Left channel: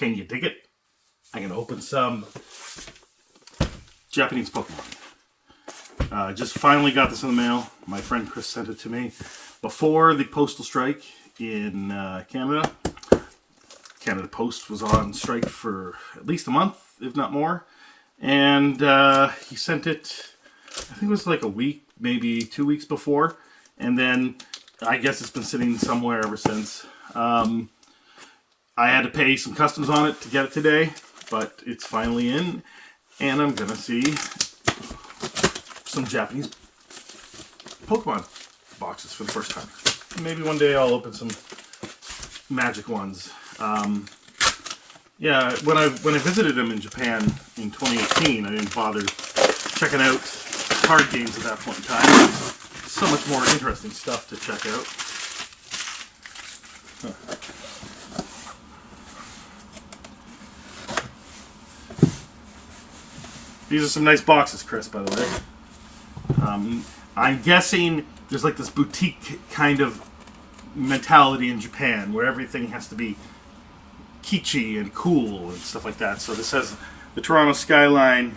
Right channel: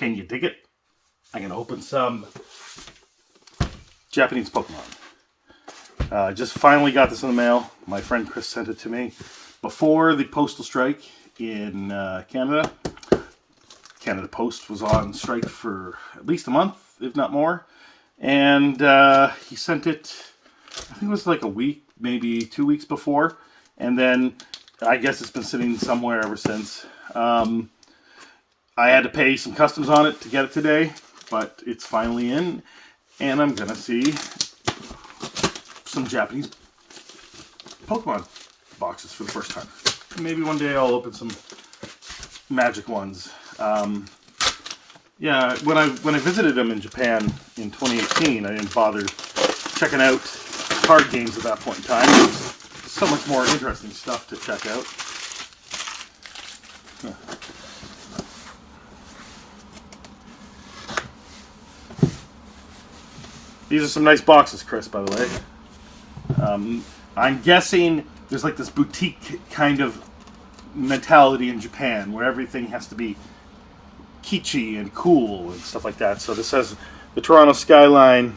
Can you dig it? I'm going to open some Japanese Pokemon. Just finally got this in the mail. My friend Chris sent it to me before the postal strike in Canada. Canada Post was on strike for at least a month, if not more. And he sent it, I think it was like a week, maybe 2 weeks before. And then I guess it's been sitting somewhere ever since. I had to pay some customs on it to get it today, but it's finally in. And I'm going to see some Japanese Pokemon boxes for the first time. Maybe one day I'll open some magic ones. Yeah, when I visited them in Japan in 2018, I didn't bother checking out card games at that point in time. There's so much more interesting stuff to check out. These are some nice boxes, Chris, by the way. I'm guessing there's like this boutique kind of mentality in Japan where everything has to be kitschy and cool and stuff like that. So this has the Toronto skyline.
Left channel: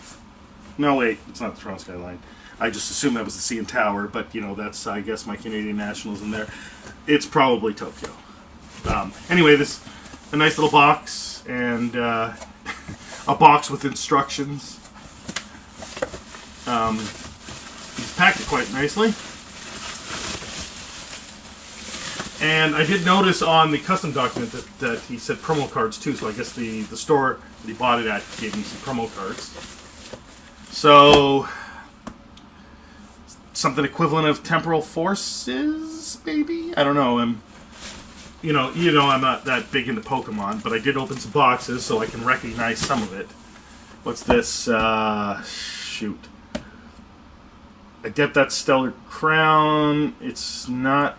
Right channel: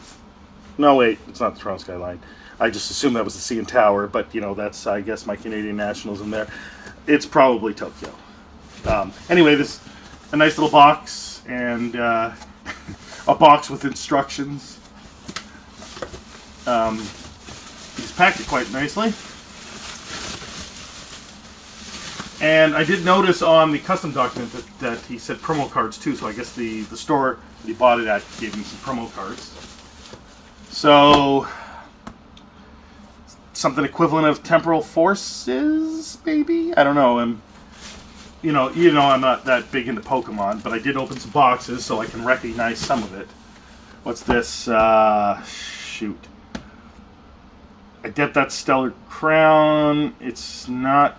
No, wait, it's not the Toronto skyline. I just assumed that was the CN Tower, but you know, that's, I guess, my Canadian Nationals in there. It's probably Tokyo. Anyway, this a nice little box and a box with instructions. He's packed it quite nicely. And I did notice on the custom document that he said promo cards too, so I guess the store that he bought it at gave him some promo cards. So, something equivalent of temporal forces, maybe? I don't know. You know, I'm not that big into Pokemon, but I did open some boxes so I can recognize some of it. What's this? Shoot. Adept Stellar Crown. It's not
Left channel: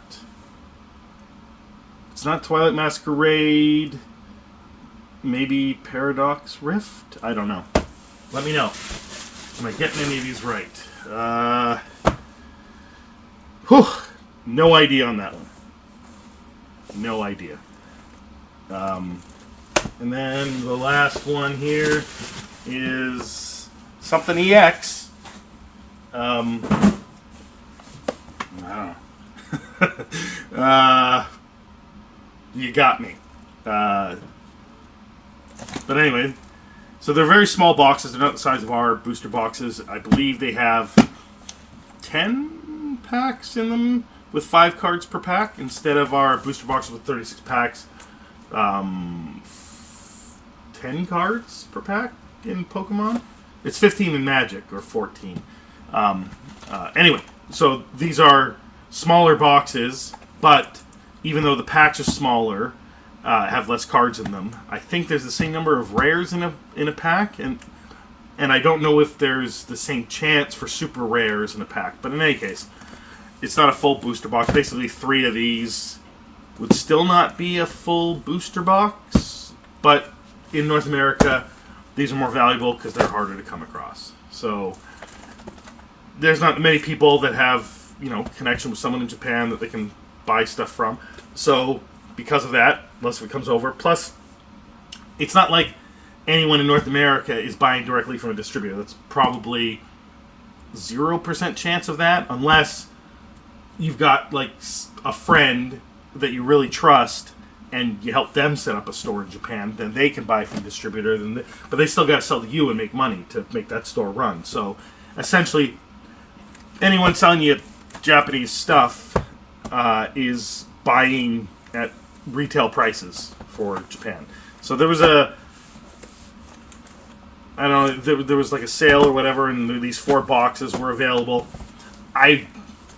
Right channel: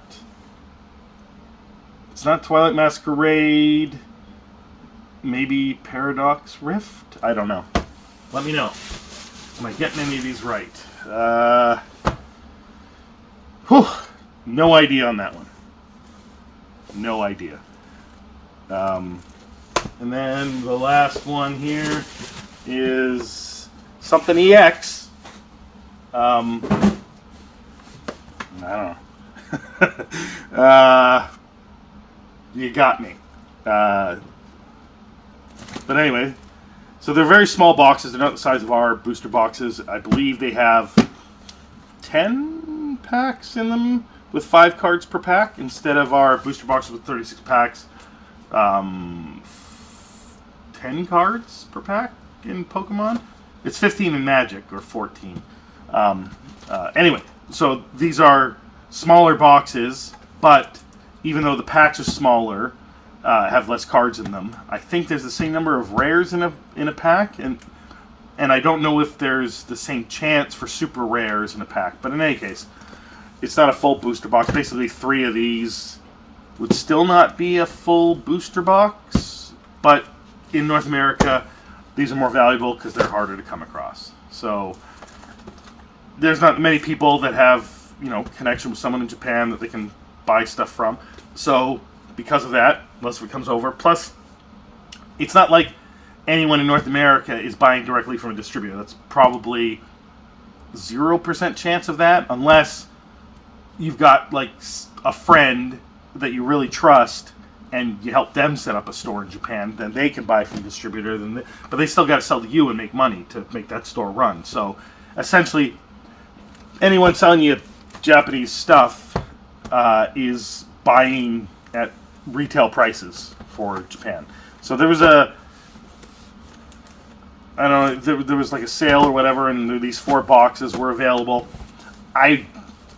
Twilight Masquerade. Maybe Paradox Rift? I don't know. Let me know. Am I getting any of these right? No idea on that one. No idea. And then the last one here is something EX. I don't know. You got me. But anyway, so they're very small boxes. They're not the size of our booster boxes. I believe they have 10 packs in them with 5 cards per pack instead of our booster boxes with 36 packs. 10 cards per pack in Pokemon. It's 15 in Magic, or 14. Anyway, so these are smaller boxes, but even though the packs are smaller, have less cards in them, I think there's the same number of rares in a pack, and I don't know if there's the same chance for super rares in a pack. But in any case, it's not a full booster box. Basically, 3 of these would still not be a full booster box, but in North America, these are more valuable because they're harder to come across. So there's not many people that have, connection with someone in Japan that they can buy stuff from. So because of that, most of it comes over. Plus, it's not like anyone in North America is buying directly from a distributor. That's probably 0% chance of that, unless you've got like a friend that you really trust and you help them set up a store in Japan. Then they can buy from a distributor. But they still got to sell to you and make money to make that store run. So essentially, anyone selling you Japanese stuff is buying at retail prices for Japan. So there was there was like a sale or whatever, and these 4 boxes were available. I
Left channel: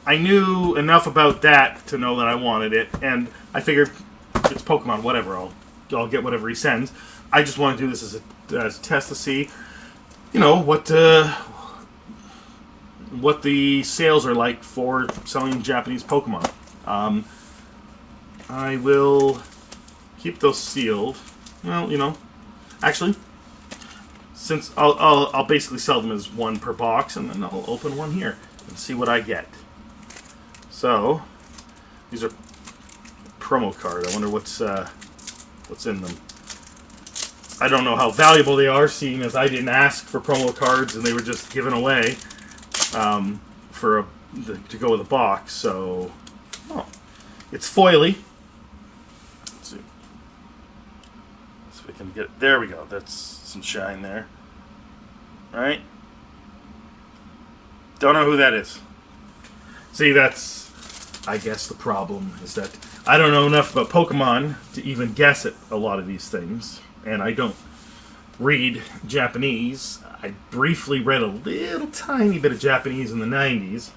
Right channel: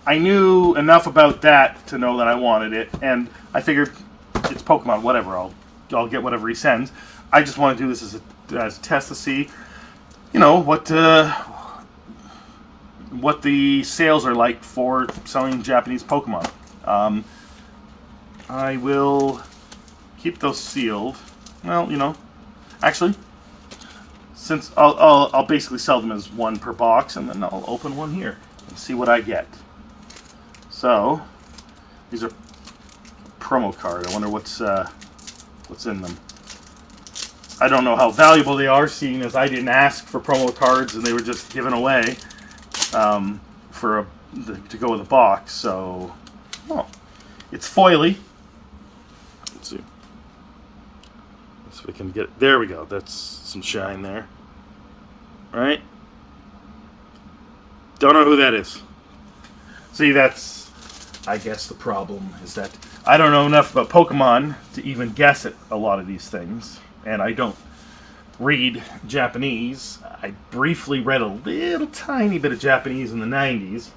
knew enough about that to know that I wanted it, and I figured it's Pokemon, whatever. I'll get whatever he sends. I just want to do this as a test to see, what the sales are like for selling Japanese Pokemon. I will keep those sealed. Well, actually, since I'll basically sell them as 1 per box, and then I'll open one here and see what I get. So these are promo card. I wonder what's in them. I don't know how valuable they are, seeing as I didn't ask for promo cards and they were just given away to go with a box. So, oh, it's foily. Let's see. So we can get. There we go. That's some shine there. All right. Don't know who that is. See, that's, I guess, the problem is that I don't know enough about Pokemon to even guess at a lot of these things, and I don't read Japanese. I briefly read a little tiny bit of Japanese in the 90s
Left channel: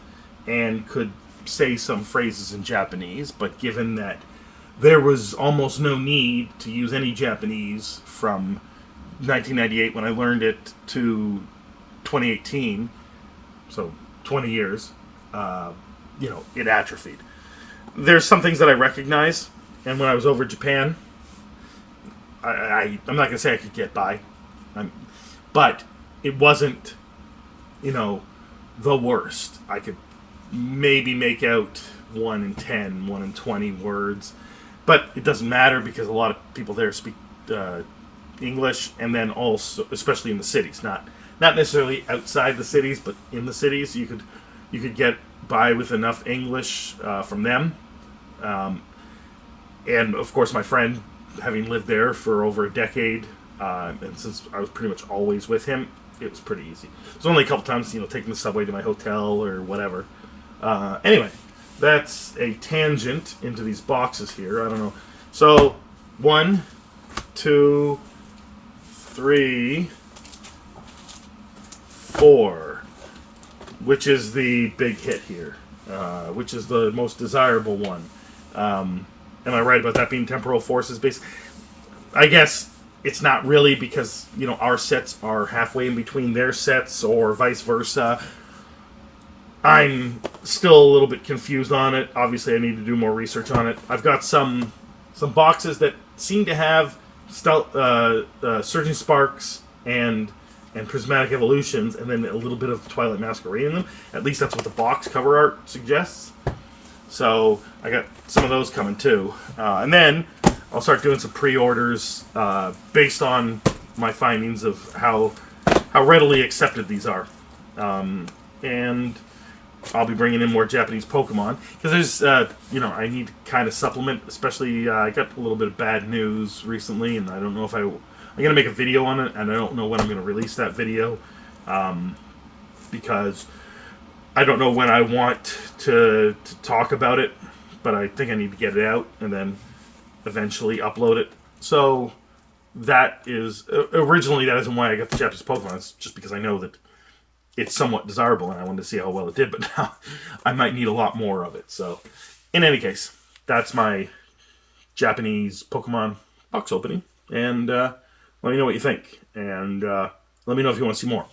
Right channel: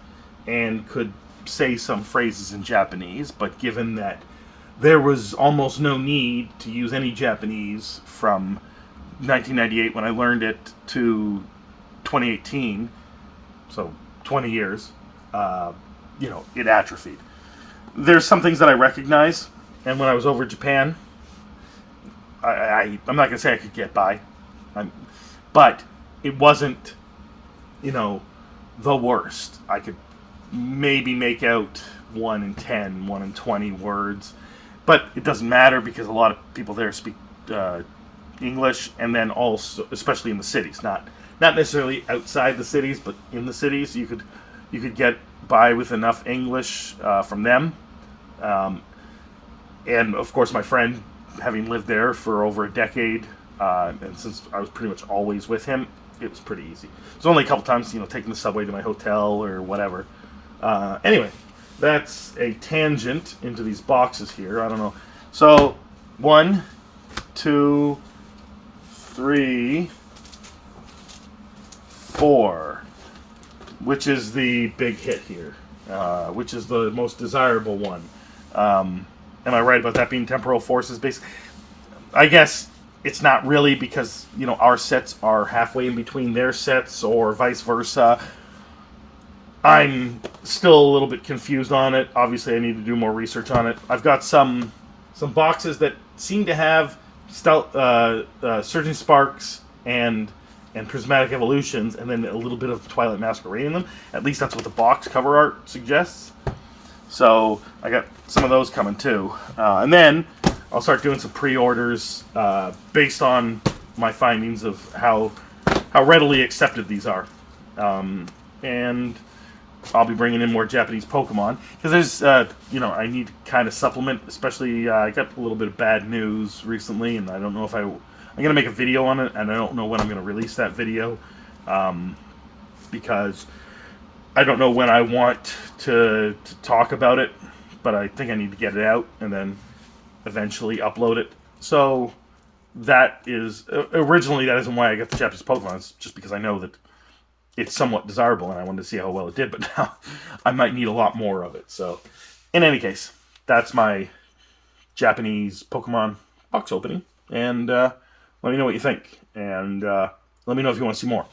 and could say some phrases in Japanese, but given that there was almost no need to use any Japanese from 1998 when I learned it to 2018, so 20 years, it atrophied. There's some things that I recognize, and when I was over Japan, I'm not going to say I could get by, but it wasn't, the worst. I could maybe make out 1 in 10, 1 in 20 words, but it doesn't matter because a lot of people there speak English, and then also, especially in the cities, not necessarily outside the cities, but in the cities, you could get by with enough English from them. And of course, my friend, having lived there for over a decade, and since I was pretty much always with him, it was pretty easy. There's only a couple times, taking the subway to my hotel or whatever. Anyway, that's a tangent into these boxes here. I don't know. So, 1, 2, 3, 4, which is the big hit here, which is the most desirable one. Am I right about that being temporal forces based? I guess it's not really, because our sets are halfway in between their sets, or vice versa. I'm still a little bit confused on it. Obviously, I need to do more research on it. I've got some boxes that seem to have Surging Sparks and Prismatic Evolutions, and then a little bit of Twilight Masquerade in them. At least that's what the box cover art suggests. So I got some of those coming too. And then I'll start doing some pre-orders based on my findings of how readily accepted these are. And I'll be bringing in more Japanese Pokemon, because there's, I need to kind of supplement, especially I got a little bit of bad news recently, and I don't know if I'm going to make a video on it, and I don't know when I'm going to release that video, because I don't know when I want to talk about it, but I think I need to get it out and then eventually upload it. So that is, originally that isn't why I got the Japanese Pokemon, it's just because I know that it's somewhat desirable and I wanted to see how well it did, but now I might need a lot more of it. So in any case, that's my Japanese Pokemon box opening, and let me know what you think, and let me know if you want to see more.